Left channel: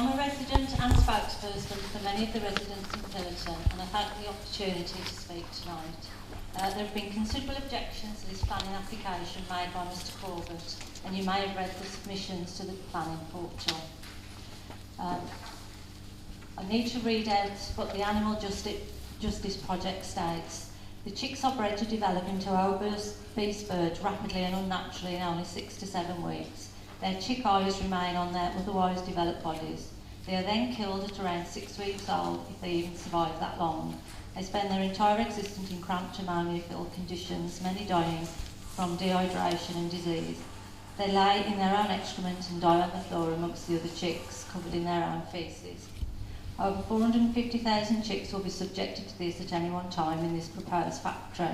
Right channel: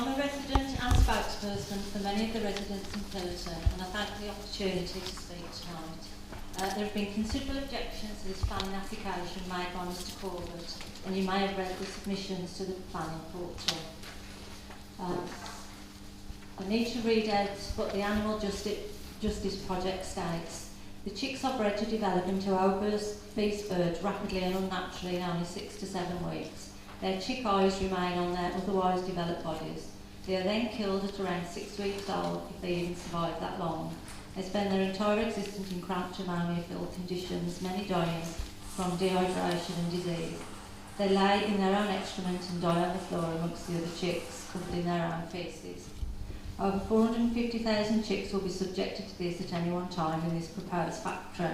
I'm a resident and spokesperson for many of the residents in Pillerton, and I thank the opportunity to speak tonight. There have been considerable objections to this planning application made by Mr Corbett, and you may have read the submissions to the planning portal. I need to read out what the Animal Justice Project states. The chicks are bred to develop into obese birds rapidly and unnaturally in only 6 to 7 weeks. Their chick eyes remain on their otherwise developed bodies. They are then killed at around 6 weeks old, if they even survive that long. They spend their entire existence in cramped ammonia-filled conditions, many dying from dehydration and disease. They lay in their own excrement and die on the floor amongst the other chicks, covered in their own faeces. Over 450,000 chicks will be subjected to this at any one time in this proposed factory.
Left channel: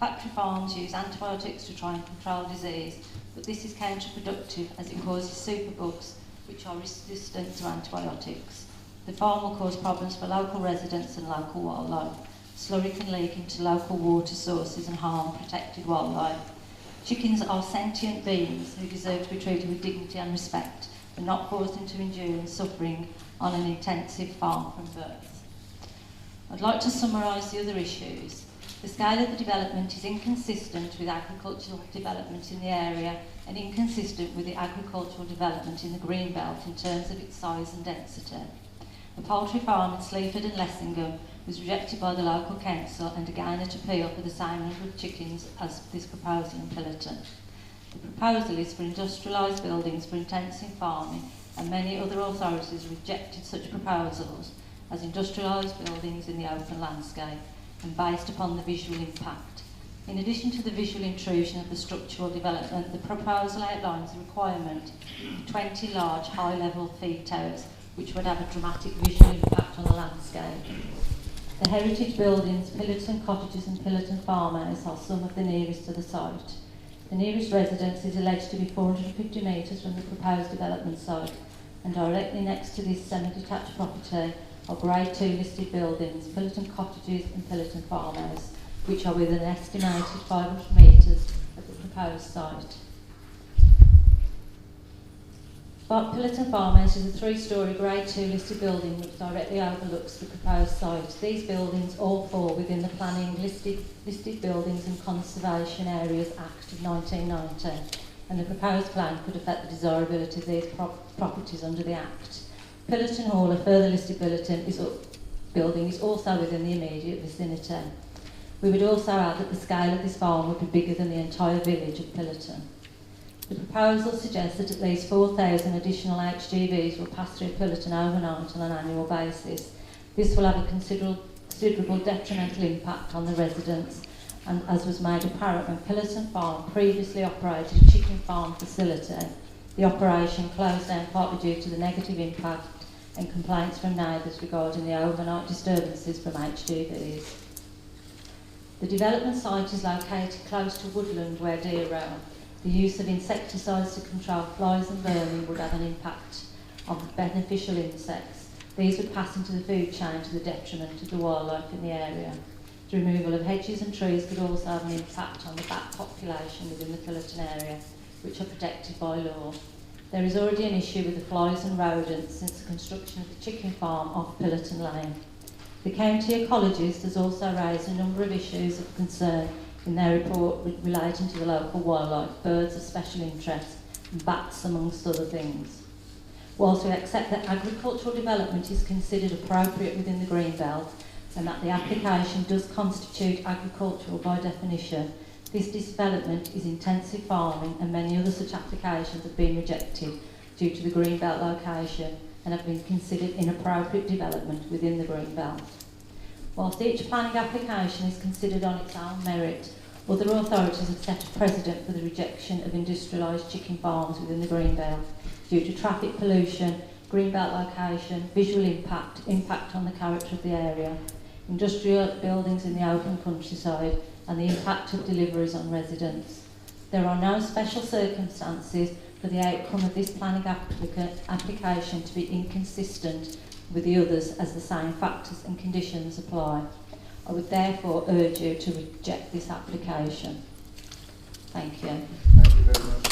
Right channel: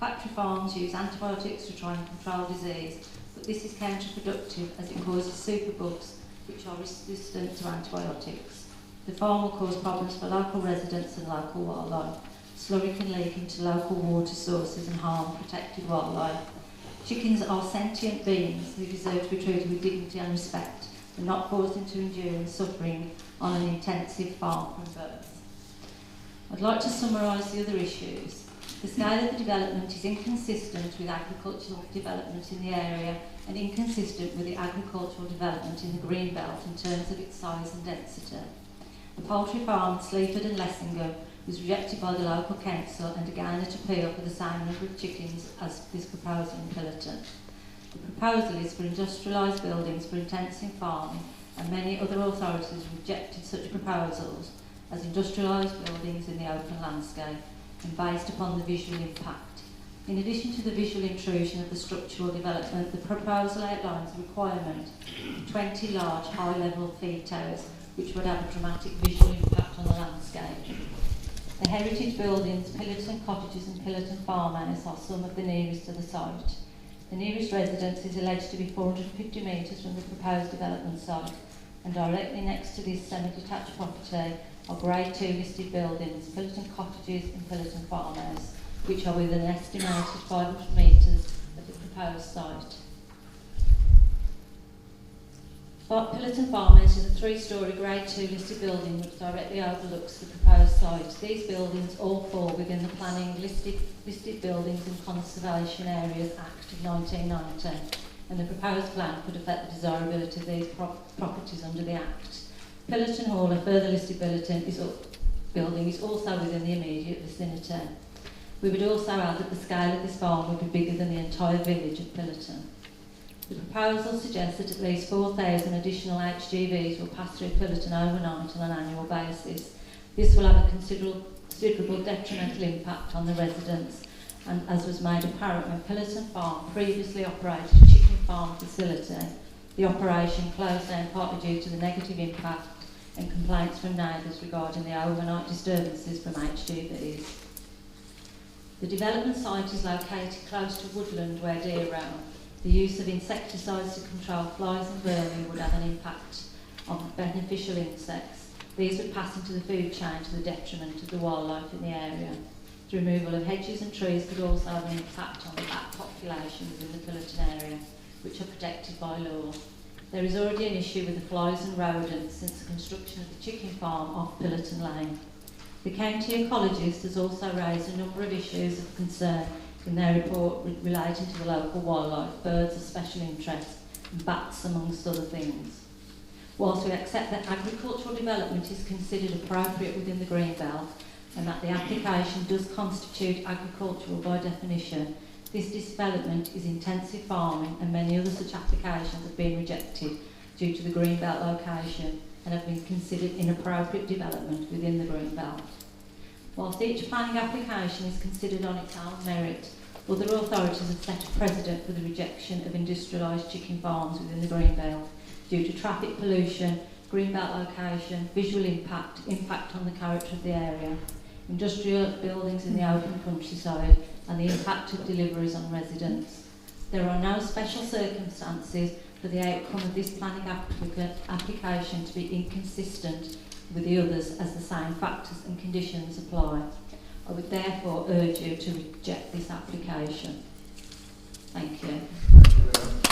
Factory farms use antibiotics to try and control disease, but this is counterproductive as it causes superbugs which are resistant to antibiotics. The farm will cause problems for local residents and local wildlife. Slurry can leak into local water sources and harm protected wildlife. Chickens are sentient beings who deserve to be treated with dignity and respect and not forced into enduring suffering on an intensive farm from birth. I'd like to summarise the other issues. The scale of the development is inconsistent with agricultural development in the area and inconsistent with the agricultural development in the Greenbelt in terms of its size and density. The poultry farm at Sleaford and Lessingham was rejected by the local council and again at appeal for the same number of chickens as this proposal in Pillerton. The proposal is for industrialised buildings for intensive farming, and many other authorities rejected such proposals as industrialised buildings in the open landscape and based upon the visual impact. In addition to the visual intrusion of the structural development, the proposal outlines the requirement of 20 large high-level feed towers which would have a dramatic visual impact on the landscape. The heritage buildings, Pillerton Cottages and Pillerton Farmhouse are some of the nearest to the site. The nearest residence is alleged to be 450 metres from the proposed development site, and directly next to this semi-detached property are Grade 2 listed buildings, Pillerton Cottages and Pillerton Farmhouse, which are within an estimated 500 metres of the proposed site. Pillerton Farmhouse is a 3-storey Grade 2 listed building which directly overlooks the proposed site. These buildings all fall within the Planning Listed Buildings and Conservation Areas Act of 1990, and the proposed plan could affect the desirability of these properties under the Act. Pillerton Hall, a further listed building, is also within the immediate vicinity. We would also add that the scale of this farm would be bigger than the entire village of Pillerton. The proposal suggests that at least 4,000 additional HGVs will pass through Pillerton overnight on an annual basis. This will have a considerable detrimental impact on the residents, and as was made apparent when Pillerton Farm previously operated a chicken farm facility, the operation closed down partly due to the negative impact and complaints from neighbours regarding the overnight disturbances from HGVs. The development site is located close to woodland where deer roam. The use of insecticides to control flies and vermin would have an impact on beneficial insects. These would pass into the food chain to the detriment of the wildlife in the area. The removal of hedges and trees could also have an impact on the bat population within the Pillerton area, which are protected by law. There is already an issue with the flies and rodents since the construction of the chicken farm off Pillerton Lane. The county ecologist has also raised a number of issues of concern in their report relating to the local wildlife, birds of special interest, and bats amongst other things. Whilst we accept that agricultural development is considered appropriate within the Greenbelt and that the application does constitute agricultural by definition, this development is intensive farming and many other such applications have been rejected due to the Greenbelt location and have been considered inappropriate development within the Greenbelt. Whilst each planning application is considered on its own merit, other authorities have set a precedent for the rejection of industrialised chicken farms within the Greenbelt due to traffic pollution, Greenbelt location, visual impact on the character of the area, industrial buildings in the open countryside, and the impact of deliveries on residents. There are no special circumstances for the outcome of this planning application to be inconsistent with the others as the same factors and conditions apply. I would therefore urge you to reject this application. Thank you. Thank you very much.